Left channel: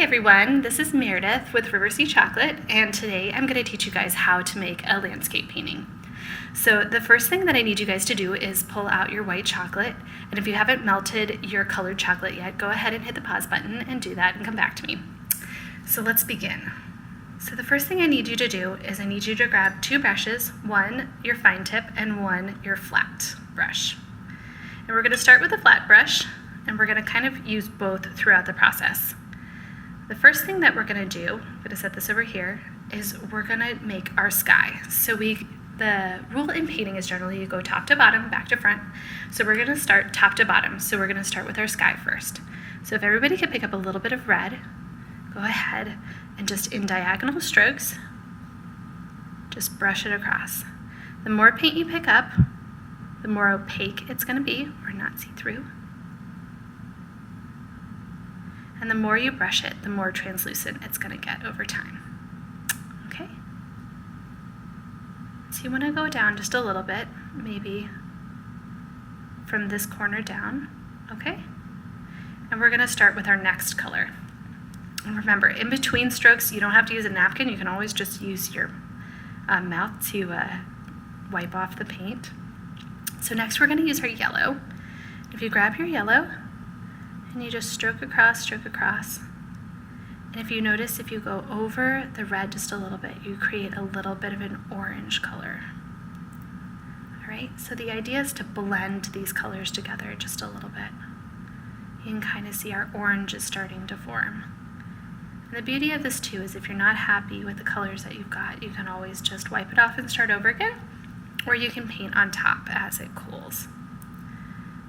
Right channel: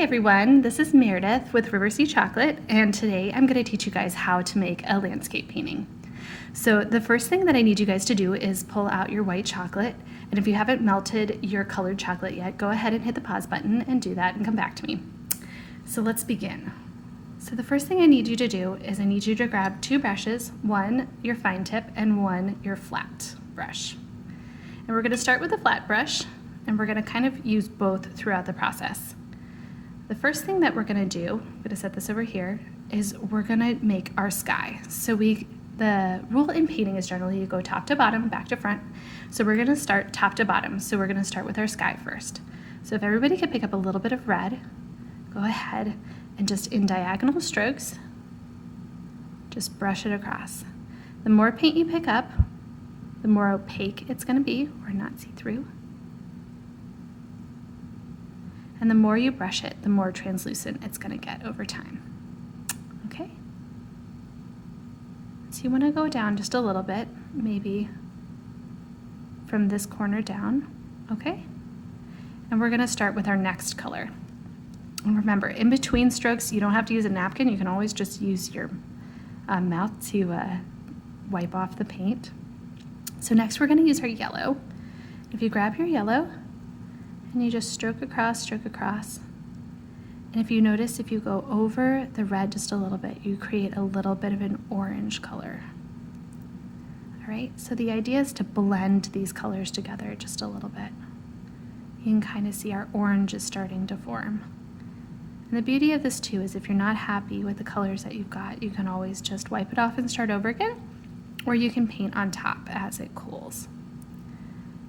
everyone, this is Meredith with River Sea Chocolate, and today I'm going to teach you guys how to make a landscape painting. So the first thing that I need you guys to do is pull out your white chocolate, and if you haven't melted your colored chocolate yet, go ahead and hit the pause button and do that and come back to me. So let's begin. So the first thing I need you to do is I need you to grab two brushes, one your fine tip and one your flat brush. And we're going to start with the flat brush, and we're going to kind of use both throughout the process. The first thing that we're going to do, I'm going to set this over here, is we're going to make our sky. So the rule in painting is generally you go top to bottom, back to front. So we're going to start top to bottom. So we're going to start with our sky first. So if everybody could pick up a little bit of red, go ahead and just in diagonal strokes, just brush it across. The more paint you pick up, the more opaque it's going to be, or not see-through. And the more you brush it, the more translucent it's going to get over time. Okay? So you want to go down just a little bit, maybe from this corner down, okay? And we're going to start with our next color. And remember, in between strokes, you don't have to use a napkin. You can always just use your mouth to wipe off the paint. So next we're going to use our yellow. If you grab your yellow, and you just stroke across, and if you notice, if you go over the red just a little bit, you create a little bit of an orange color. All right, so the idea is to blend these colors together just a little bit. You can kind of see our orange is starting to form. And the beauty of this too is if you're not happy with the colors that you've got, you can always just wipe it off and start over again, or you can paint on top as it cools.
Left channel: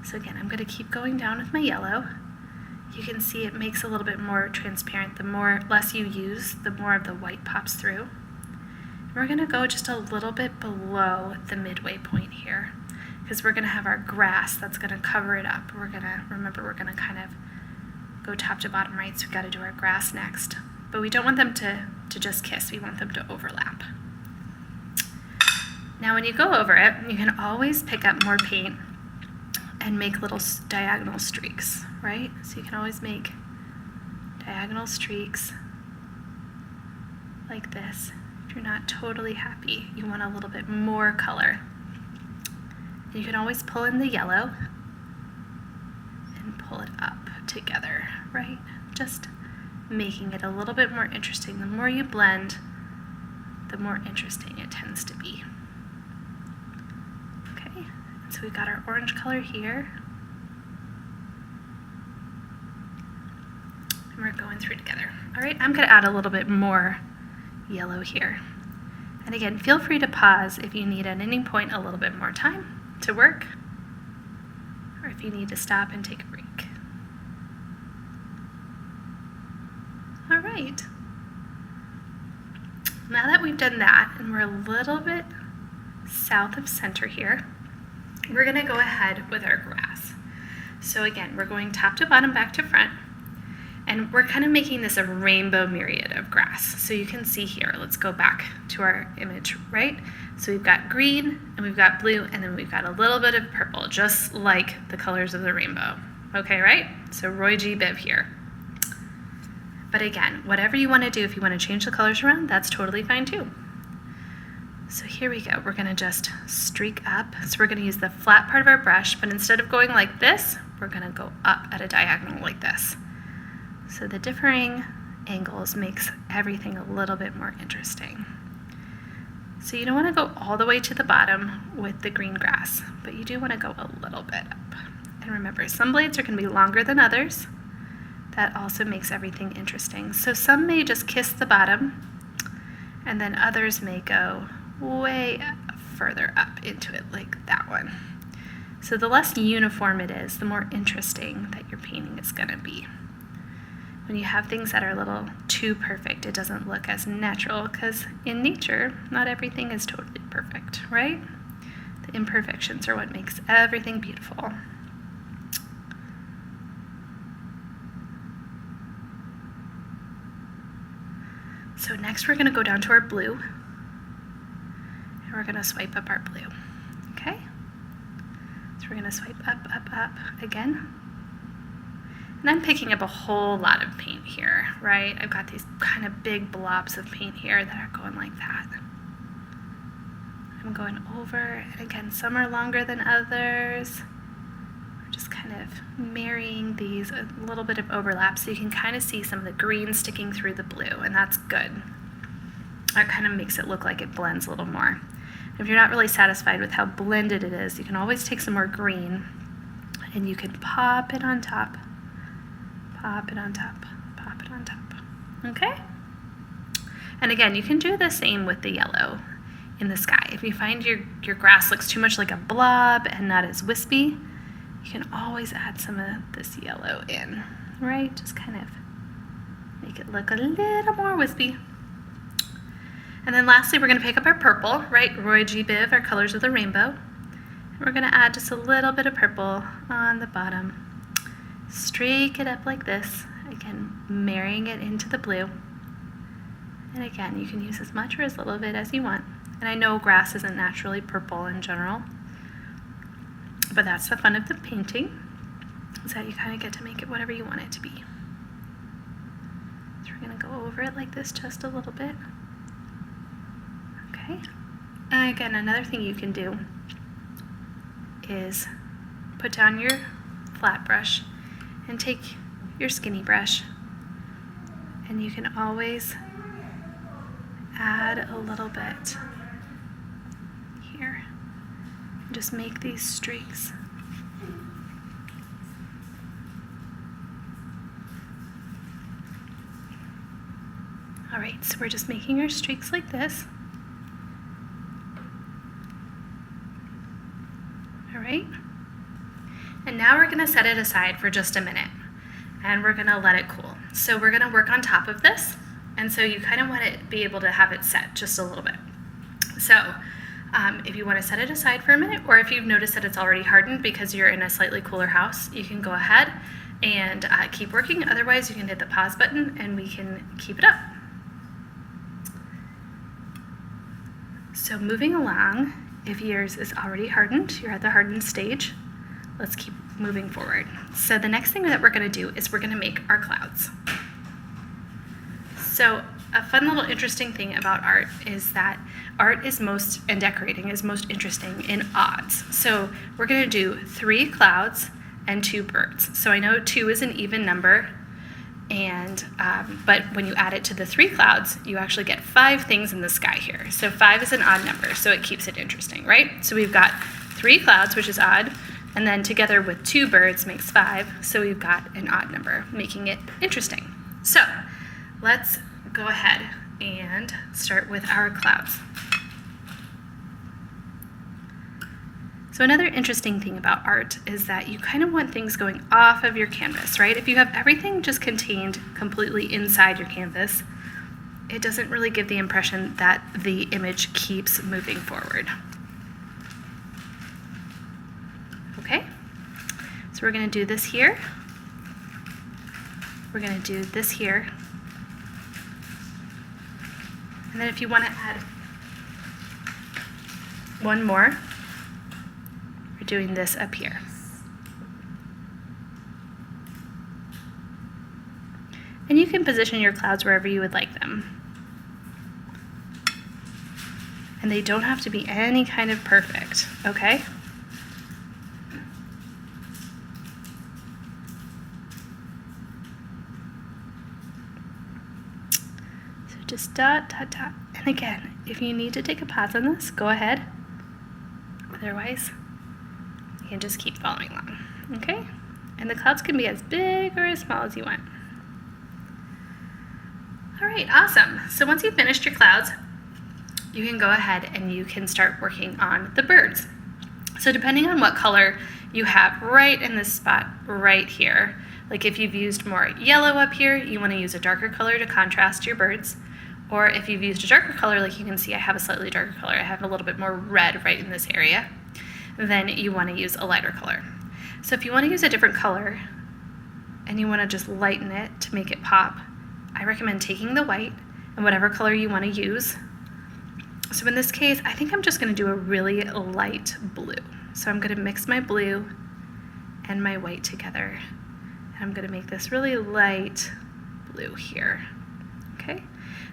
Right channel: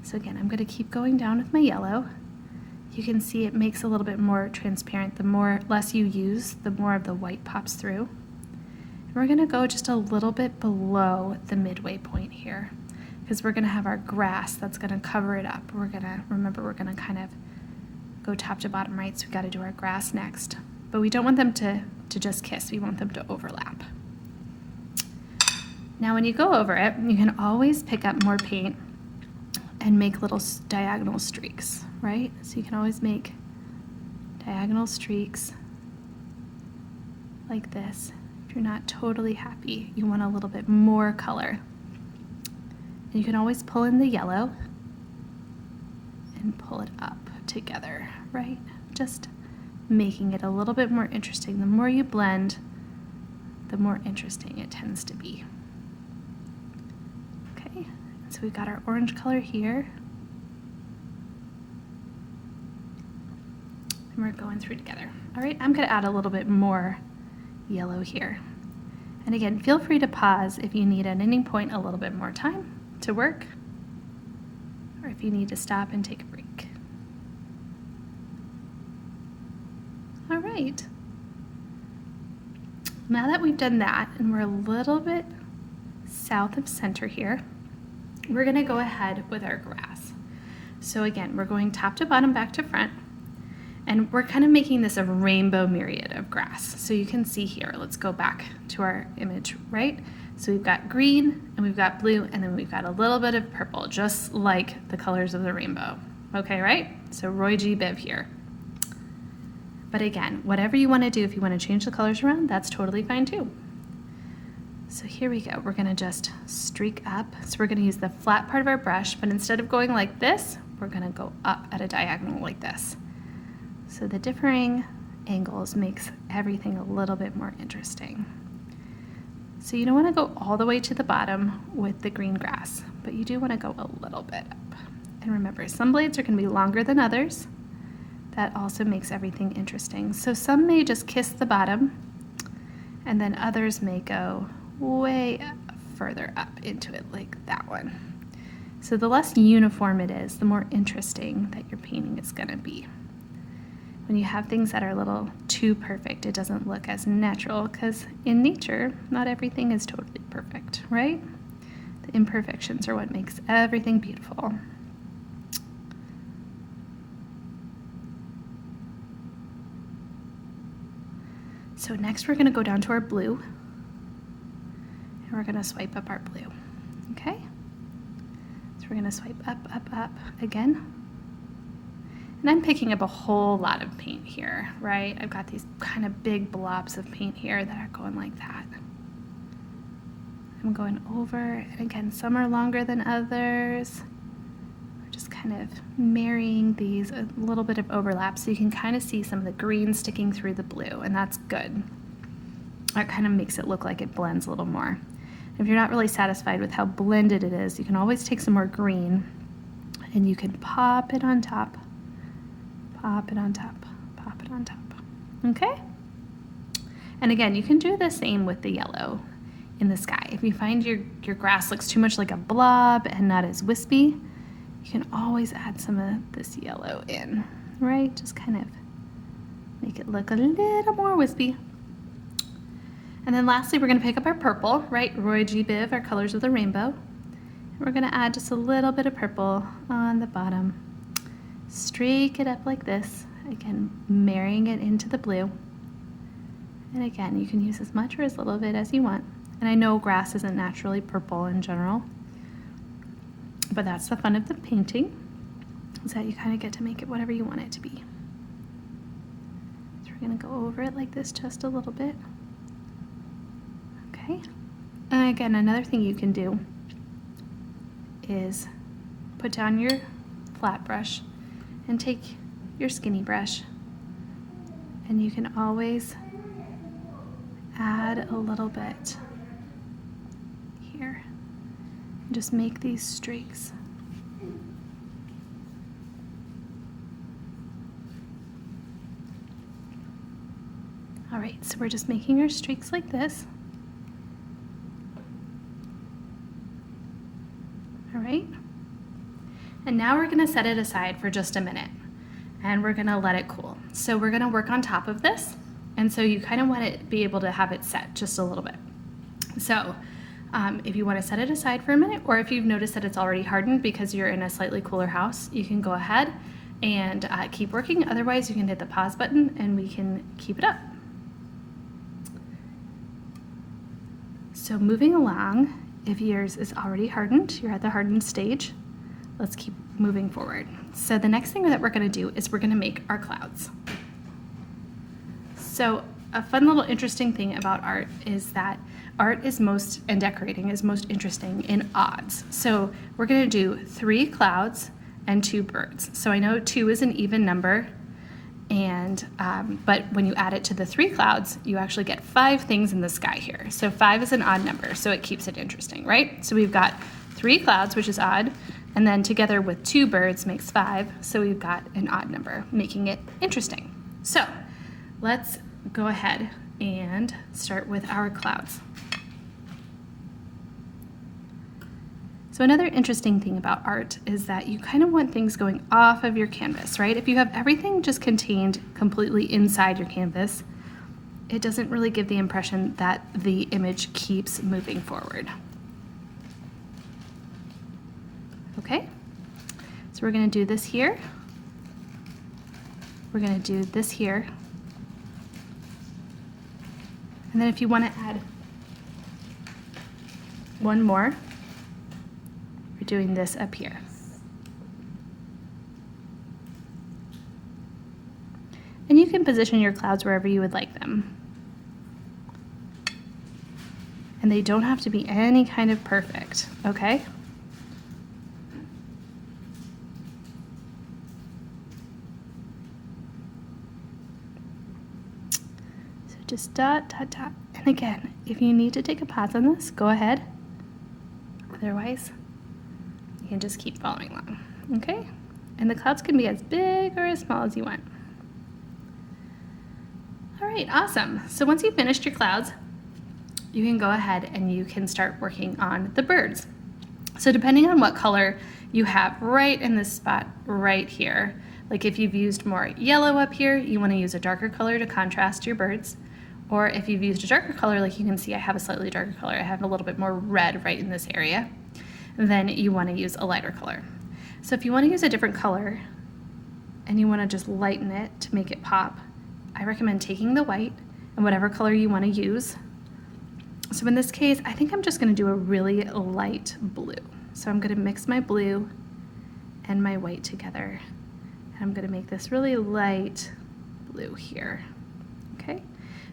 So again, I'm going to keep going down with my yellow. You can see it makes a little bit more transparent. The less you use, the more of the white pops through. We're going to go just a little bit below the midway point here because we're going to have our grass that's going to cover it up. We're going to kind of go top to bottom, right? So we've got to do our grass next. But we don't want them to just kiss. We want them to overlap. Now when you go over it, you can always pick up more paint and make little diagonal streaks, right? So you can always make diagonal streaks like this. If you're not totally happy, you want a little bit more color. You can always pull in the yellow and pull it up together, right? Just making it a little bit more interesting. The more you blend, the more interesting it tends to be. So we've got our orange color here, and we're going through together. All right, I'm going to add a little bit more yellow here. And again, feel free to pause if you need at any point a little bit more time to work, or if you need to stop and take a break. All right. Now that we've done that, and we're a little bit south of center here, we're going to go ahead with our grass. So again, we're going top to bottom, back to front, and we're kind of making this a rainbow myriad of grass. So you can see here, let's go back to our image, right? So we've got green, and we've got blue, and then we've got a little bit of purple, just like the colors of the rainbow. Okay, right? So Roy G. Biv here. But again, whatever you want to do, if you want to change the colors around, that's totally fine too. So here we go, we're gonna just streak up. So we're gonna use the flat part of our brush, but instead of going like this, we're gonna go up at a diagonal like this. So the differing angles makes everything a little bit more interesting. So you don't wanna go all the way to the bottom with the green grass, but you do wanna go a little bit up. And remember, some blades are gonna be longer than others. That also makes everything interesting. So some may just kiss the bottom, and then others may go way further up into it like that one. So the less uniform it is, the more interesting that your painting is going to be. When you have things that are a little too perfect, it doesn't look as natural because in nature, not everything is totally perfect, right? The imperfections are what makes everything beautiful. So next we're going to go down to our blue. And we're going to swipe up our blue, okay? So we're going to swipe up, up, up again. And I'm picking up a whole lot of paint here, right? I've got these kind of big blobs of paint here that are going like that. I'm going over, and again, some are longer than others. Just kind of marrying these, a little bit of overlap, so you can kind of see some of the green sticking through the blue, and that's good. That kind of makes it look like it blends a little more. If you're not really satisfied with how blended it is, you can always take some more green, and you can pop it on top, pop it on top, pop it on top, okay? And again, you can do the same with the yellow in the sky. If you find your grass looks too much like a blob and not as wispy, you can always add some of this yellow in, right? Just kind of make it look a little more wispy. And then lastly, we're gonna pick up our purple, right? Roy G. Biv, our colors of the rainbow. And we're gonna add just a little bit of purple on the bottom. Streak it up like this, again, marrying it into the blue. And again, you can use as much or as little of it as you want. And I know grass isn't naturally purple in general, but that's the fun of the painting, is that you kind of get to make it whatever you want it to be. So we're gonna go over it like this just a little bit. Okay, and again, another thing you can do is put down your flat brush and take your skinny brush, and you can always add a little bit here. Just make these streaks. All right, so we're just making our streaks like this. All right, and now we're gonna set it aside for just a minute, and we're gonna let it cool. So we're gonna work on top of this, and so you kind of want to be able to have it set just a little bit. So if you want to set it aside for a minute, or if you've noticed that it's already hardened because you're in a slightly cooler house, you can go ahead and keep working. Otherwise, you can hit the pause button and we can keep it up. So moving along, if yours is already hardened, you're at the hardened stage, let's keep moving forward. So the next thing that we're going to do is we're going to make our clouds. So a fun little interesting thing about art is that art is and decorating is most interesting in odds. So we're going to do 3 clouds and 2 birds. So I know 2 is an even number, and but when you add it to the 3 clouds, you actually get 5 things in the sky here. So 5 is an odd number, so it keeps it interesting, right? So we've got 3 clouds, which is odd, and then together with 2 birds makes 5, so we've got an odd number, making it interesting. So let's go ahead and start with our clouds. So another interesting thing about art is that you kind of want things going off of your canvas, right? If you have everything just contained completely inside your canvas, it doesn't really give the impression that the image keeps moving forward. Okay, so we're going to do this here. We're going to do this here. And then if you want to add one more, we're doing this up here. And you can position your clouds wherever you would like them. And they don't have to be any kind of perfect, okay? So just dot, dot, dot. And again, if you need to take a pause on this, go ahead. Otherwise, you can just keep following along, okay? And the clouds can be as big or as small as you want. All right, awesome. So once you've finished your clouds, you can go ahead and you can start working on the birds. So depending on what color you have right in this spot right here, like if you've used more yellow up here, you want to use a darker color to contrast your birds. Or if you've used a darker color, like you can see I have a slightly darker color, I have a little bit more red right in this area, then you want to use a lighter color. So if you want to use a different color and you want to just lighten it to make it pop, I recommend taking the white and whatever color you want to use. So in this case, I think I'm just going to do a really light blue. So I'm going to mix my blue and my white together. I'm going to make this really light blue here. Okay,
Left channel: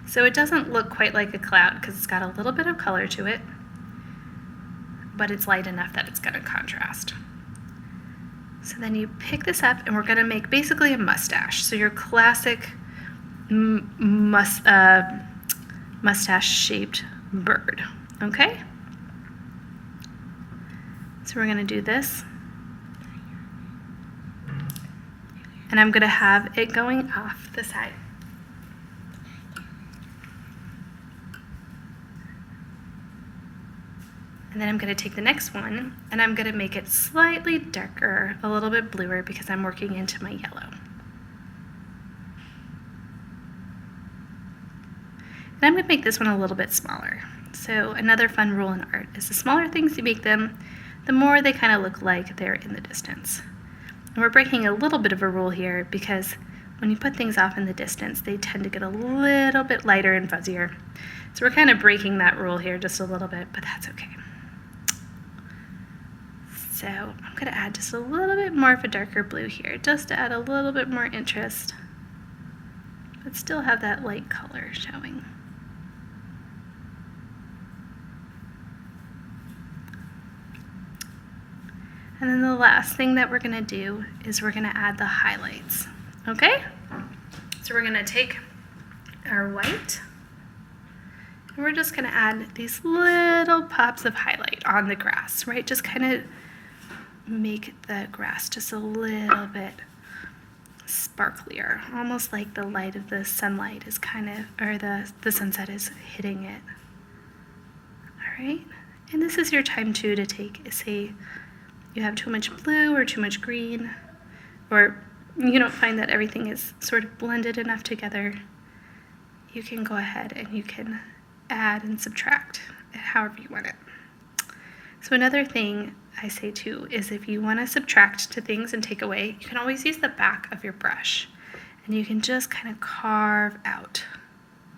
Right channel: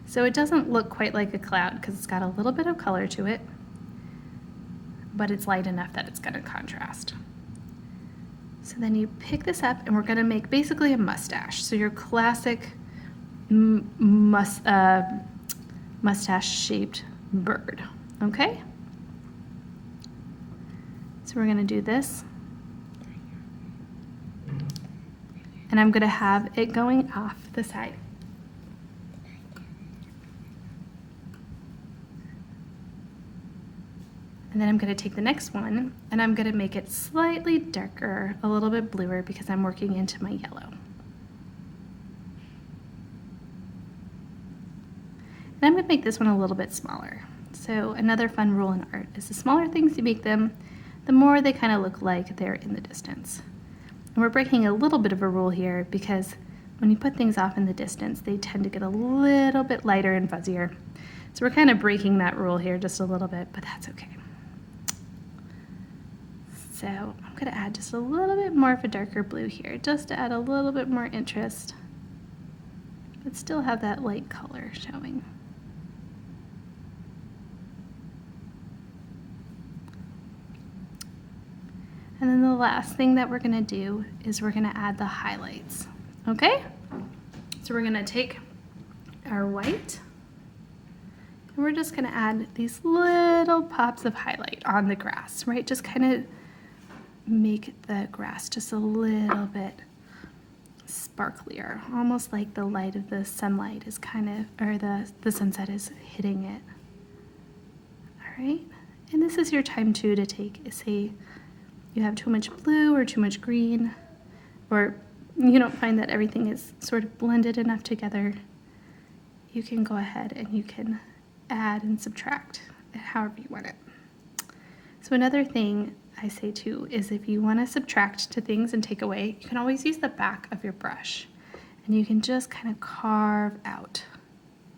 so it doesn't look quite like a cloud because it's got a little bit of color to it, but it's light enough that it's going to contrast. So then you pick this up and we're going to make basically a mustache. So your classic mustache shaped bird. Okay? So we're going to do this. And I'm going to have it going off the side. And then I'm going to take the next one and I'm going to make it slightly darker, a little bit bluer because I'm working into my yellow. And I'm going to make this one a little bit smaller. So another fun rule in art is the smaller things you make them, the more they kind of look like they're in the distance. And we're breaking a little bit of a rule here because when you put things off in the distance, they tend to get a little bit lighter and fuzzier. So we're kind of breaking that rule here just a little bit, but that's okay. So I'm going to add just a little bit more of a darker blue here, just to add a little bit more interest, but still have that light color showing. And then the last thing that we're going to do is we're going to add the highlights. Okay? So we're going to take our white and we're just going to add these little pops of highlight on the grass, right? Just kind of make the grass just a little bit sparklier, almost like the light of the sunlight is kind of, or the sunset is hitting it. All right? And this is your time too to take, say, you have too much blue or too much green, or you don't find that everything is sort of blended enough together, you can go ahead and you can add and subtract however you want it. So another thing I say too is if you want to subtract to things and take away, you can always use the back of your brush and you can just kind of carve out,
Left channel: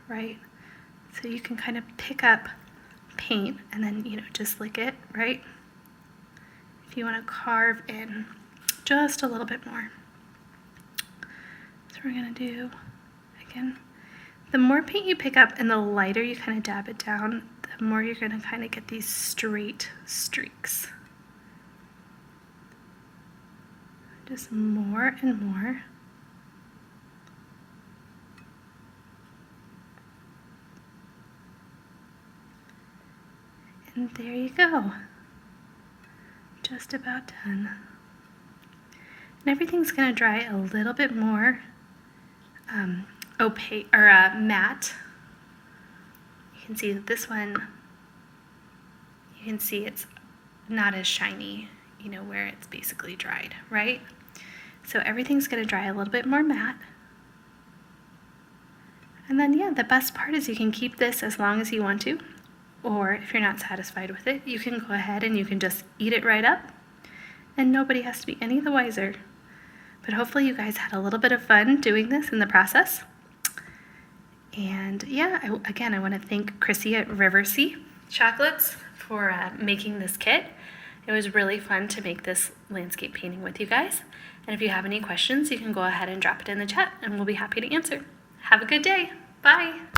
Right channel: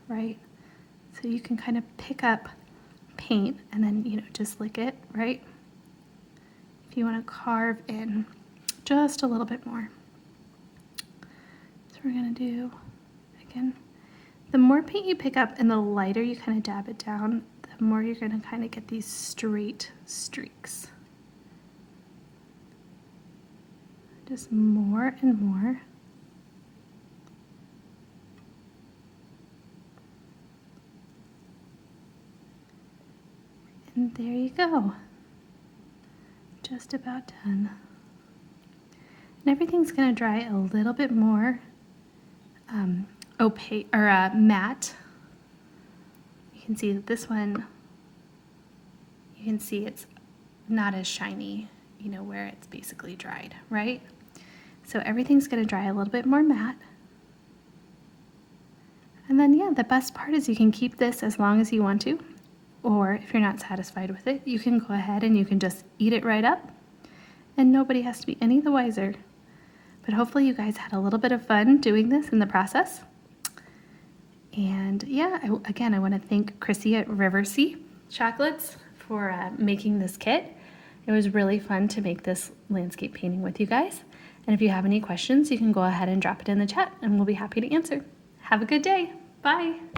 right? So you can kind of pick up paint and then, you know, just lick it, right? If you want to carve in just a little bit more. So we're going to do, again, the more paint you pick up and the lighter you kind of dab it down, the more you're going to kind of get these straight streaks. Just more and more. And there you go. Just about done. And everything's going to dry a little bit more opaque or matte. You can see that this one, you can see it's not as shiny, you know, where it's basically dried, right? So everything's going to dry a little bit more matte. And then, yeah, the best part is you can keep this as long as you want to, or if you're not satisfied with it, you can go ahead and you can just eat it right up, and nobody has to be any the wiser. But hopefully you guys had a little bit of fun doing this in the process. And yeah, I want to thank Chrissy at Riversea Chocolates for making this kit. It was really fun to make this landscape painting with you guys. And if you have any questions, you can go ahead and drop it in the chat and we'll be happy to answer. Have a good day. Bye.